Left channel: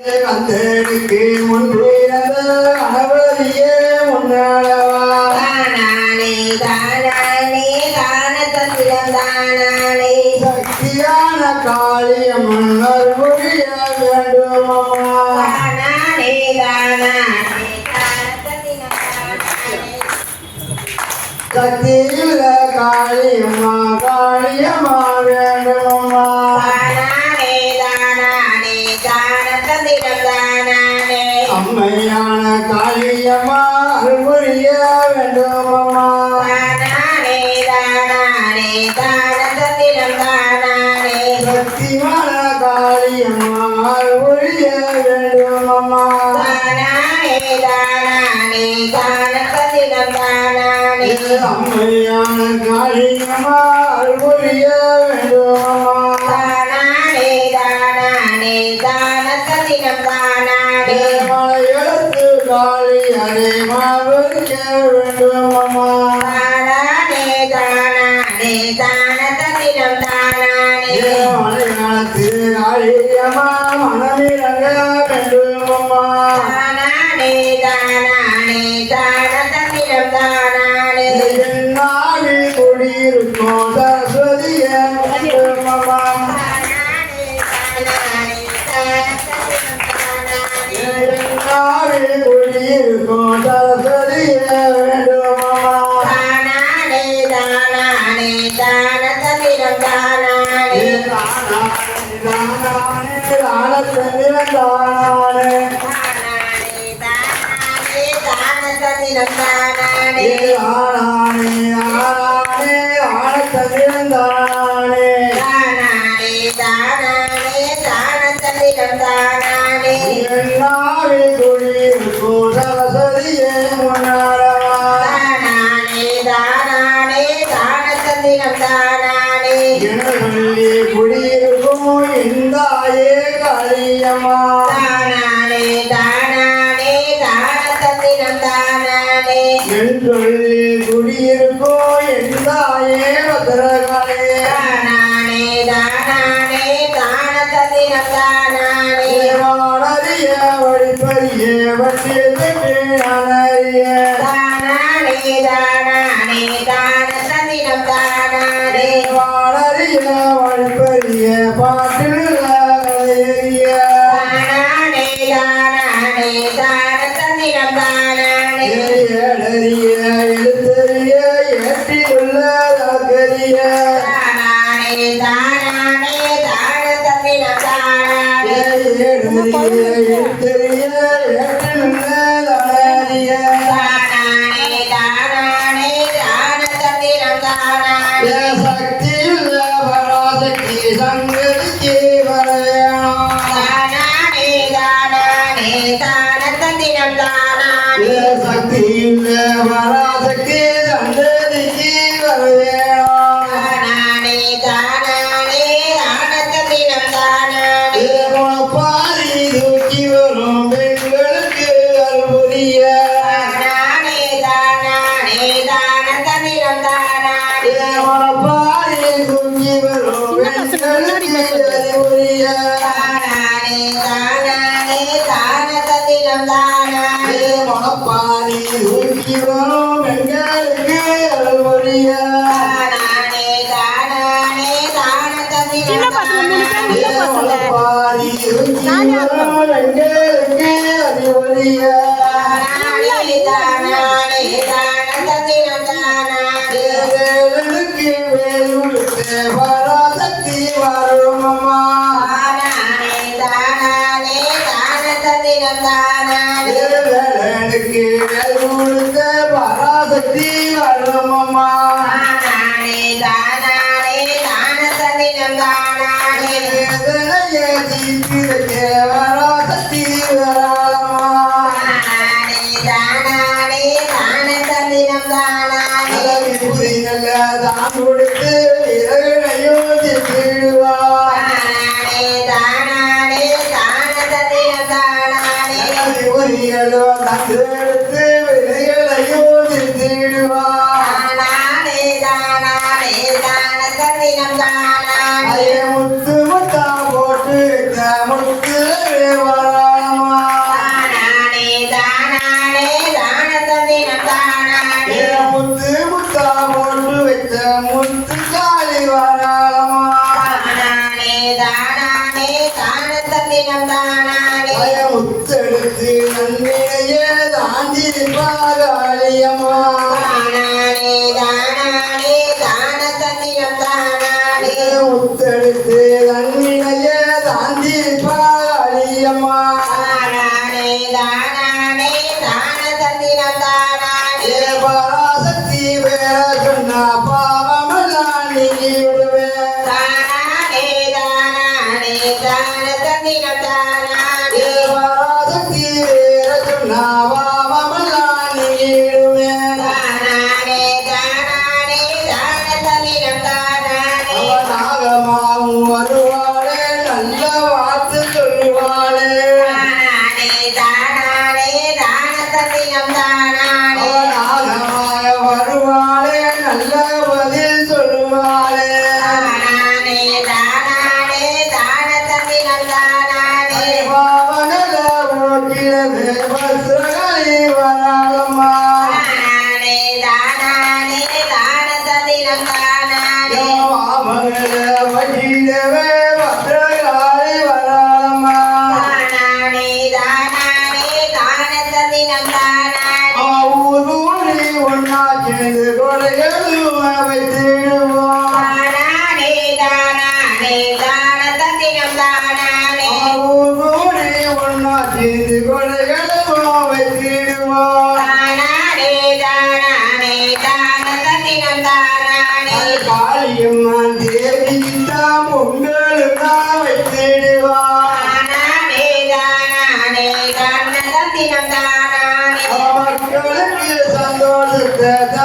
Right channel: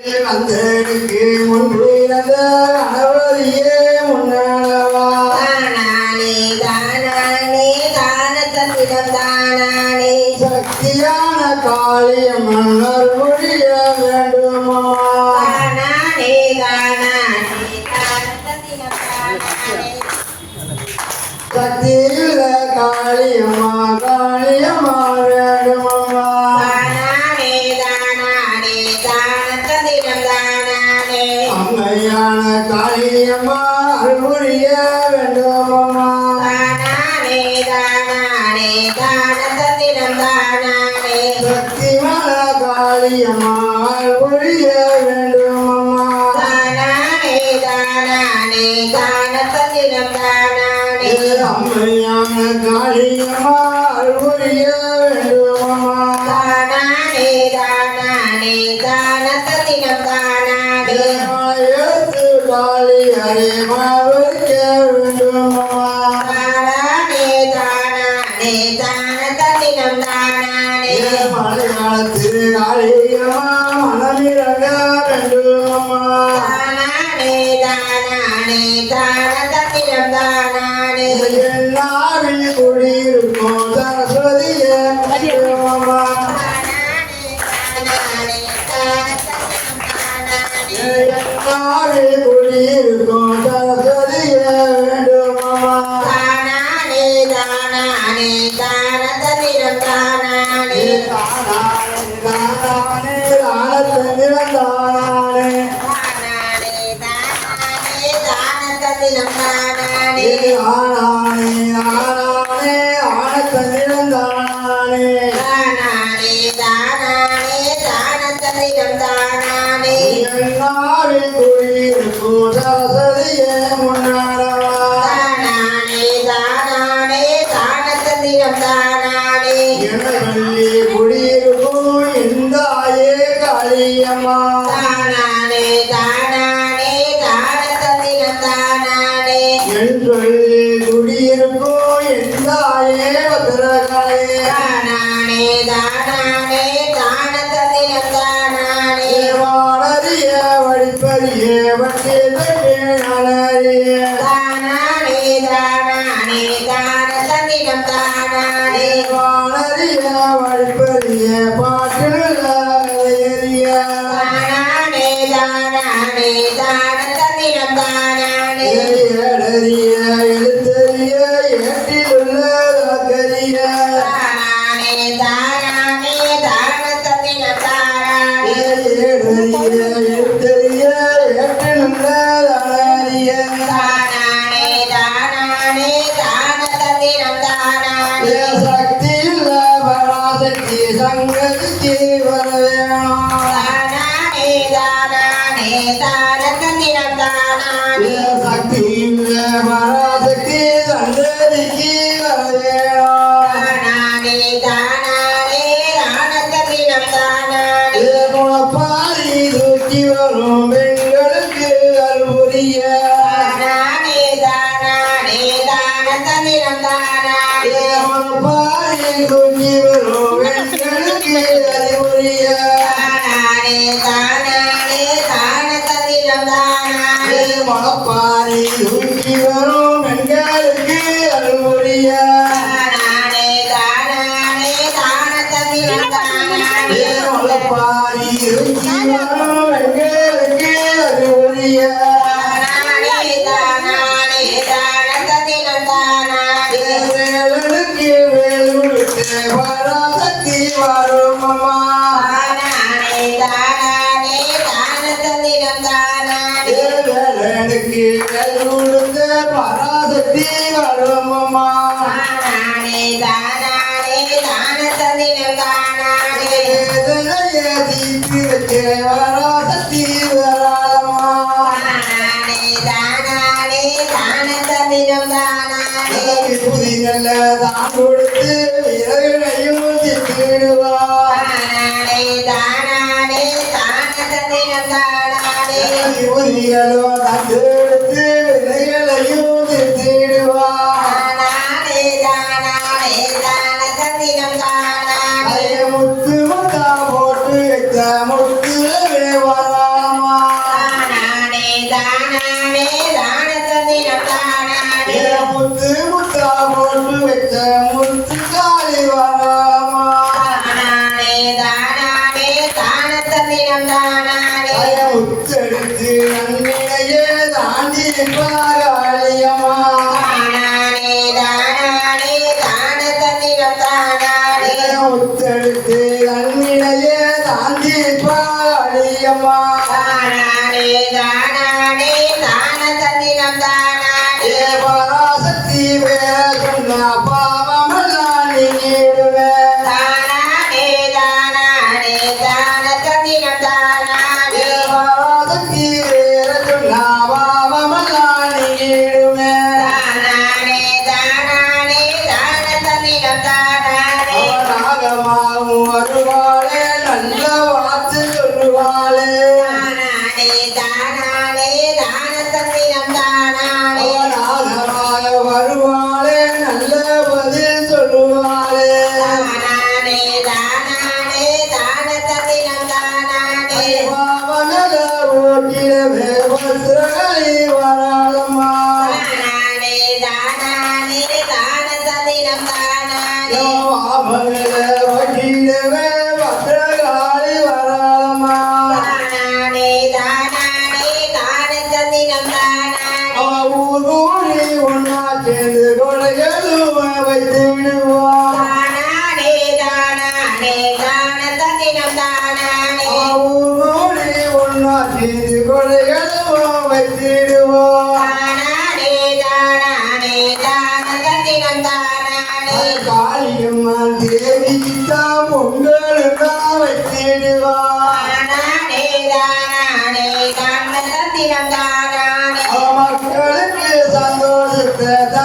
கந்தனுக்கு முன்பிறந்த கணவரியே முன்னாளவா தானானே தானானே தானத்திடம் தானானே சக்தியான காளியம்மன் அருள்புரிய வேண்டுமம்மா தானானே தானானே தானத்திடம் தானானே சக்தியுள்ள காளியம்மா காளியம்மா வேண்டுமம்மா தானானே தானானே தானத்திடம் தானானே அம்மையான காளியம்மா அருள்புரிய வேண்டுமம்மா தானானே தானானே தானத்திடம் தானானே சக்திமான காளியம்மா அருள்புரிய வேண்டுமம்மா தானானே தானானே தானத்திடம் தானானே அம்மையான காளியம்மா அருள்புரிய வேண்டுமம்மா தானானே தானானே தானத்திடம் தானானே மலையெழுத்து காளி அதே மாவரிக்க வேண்டுமம்மா தானானே தானானே தானத்திடம் தானானே மலையாளத்து காளியம்மா மனமிறங்க வேண்டுமம்மா தானானே தானானே தானத்திடம் தானானே என்னாவில் குடியிருக்கும் சரஸ்வதிய வேண்டுமம்மா என்னாவில் குடியிருக்கும் சரஸ்வதிய வேண்டுமம்மா தானானே தானானே தானத்திடம் தானானே தானானே தானானே தானத்திடம் தானானே தானானே தானானே தானத்திடம் தானானே தானானே தானானே தானத்திடம் தானானே குடியிருக்கும் இந்தாயே காளியம்மா தானானே தானானே தானத்திடம் தானானே என் சொல்லி குடியிருக்கும் இந்தாயே பத்திரகாளி தானானே தானானே தானத்திடம் தானானே வாழறிய வழிப்பறிய வட்டியதற்கு அணறிய தானானே தானானே தானத்திடம் தானானே வாழறிய வழிப்பறிய பாட்டில் எறிய தானானே தானானே தானத்திடம் தானானே ஏடறிய எழுத்தறிய ஏட்டிலுள்ள கரிய தானானே தானானே தானத்திடம் தானானே ஏடறிய எழுத்தறிய ஏட்டிலுள்ள அழகிய தானானே தானானே தானத்திடம் தானானே சக்தியுள்ள பராசக்தி சங்கதிக்கு வரவேணும் தானானே தானானே தானத்திடம் தானானே சக்தியுள்ள பராசக்தி சங்கதிக்கு வரவேணும் தானானே தானானே தானத்திடம் தானானே பாரி தூக்கி வரும் பெண்களுக்கு அருள்புரிய தானானே தானானே தானத்திடம் தானானே பாரி தூக்கி வரும் பெண்களுக்கு அருள்புரிய தானானே தானானே தானத்திடம் தானானே பாரி தூக்கி வரும் பெண்களுக்கு அருள்புரிய தானானே தானானே தானத்திடம் தானானே பாரி தூக்கி வரும் பெண்களுக்கு அருள்புரிய தானானே தானானே தானத்திடம் தானானே வேலுக்கு வேலுக்கு பராசக்தி வருமம்மா தானானே தானானே தானத்திடம் தானானே வேலுக்கு வேலுக்கு பராசக்தி வருமம்மா தானானே தானானே தானத்திடம் தானானே வேதனைய தீர்த்திருக்க பராசக்தி வராமம்மா தானானே தானானே தானத்திடம் தானானே புரியல தான் கொடுத்து இறைவனையும் திட்டுவா தானானே தானானே தானத்திடம் தானானே புரியலோ தான் எடுத்து விலைகளையும் திட்டுவா தானானே தானானே தானத்திடம் தானானே முத்து முத்தா போட்டு முத்து வரா தானானே முத்தெடுத்து நன்மையே தாண்டி பாகாளியம்மா தானானே தானானே தான தந்திரம் தானானே முத்தெடுத்து நன்மையே தாண்டி பாகாளியம்மா தானானே தானானே தான தந்திரம் தானானே பராசக்தி வேற சொன்ன பாவமெல்லாம் நீங்கிடுவேன் தானானே தானானே தான தந்திரம் தானானே பராசக்தி வேற சொன்ன பாவமெல்லாம் நீங்கிடுவேன் தானானே தானானே தான தந்திரம் தானானே அவனாகமாகும் வருவாளே நல்ல வார்த்தை சொல்லுவாளே தானானே தானானே தான தந்திரம் தானானே அவனாகமாக வருவாளே நல்ல பதில் சொல்லுவாளே தானானே தானானே தான தந்திரம் தானானே பாவனல ஓட்டிடவே பத்திரகாளி வராளம்மா தானானே தானானே தான தந்திரம் தானானே மாமகள ஓட்டிடவே பத்திரகாளி வராளம்மா தானானே தானானே தான தந்திரம் தானானே ஊரூரி ஒன்னா சேர்ந்து கொடைகளும் வைத்திடுவான் தானானே தானானே தான தந்திரம் தானானே ஊரூரி ஒன்னா சேர்ந்து கொடைகளும் வைத்திடுவான் தானானே தானானே தான தந்திரம் தானானே காளியம்மன் தேவிக்குத்தான் பொங்கலுதான் வைத்திடுவான் தானானே தானானே தான தந்திரம் தானானே மக்களுக்கு சந்தோஷத்தை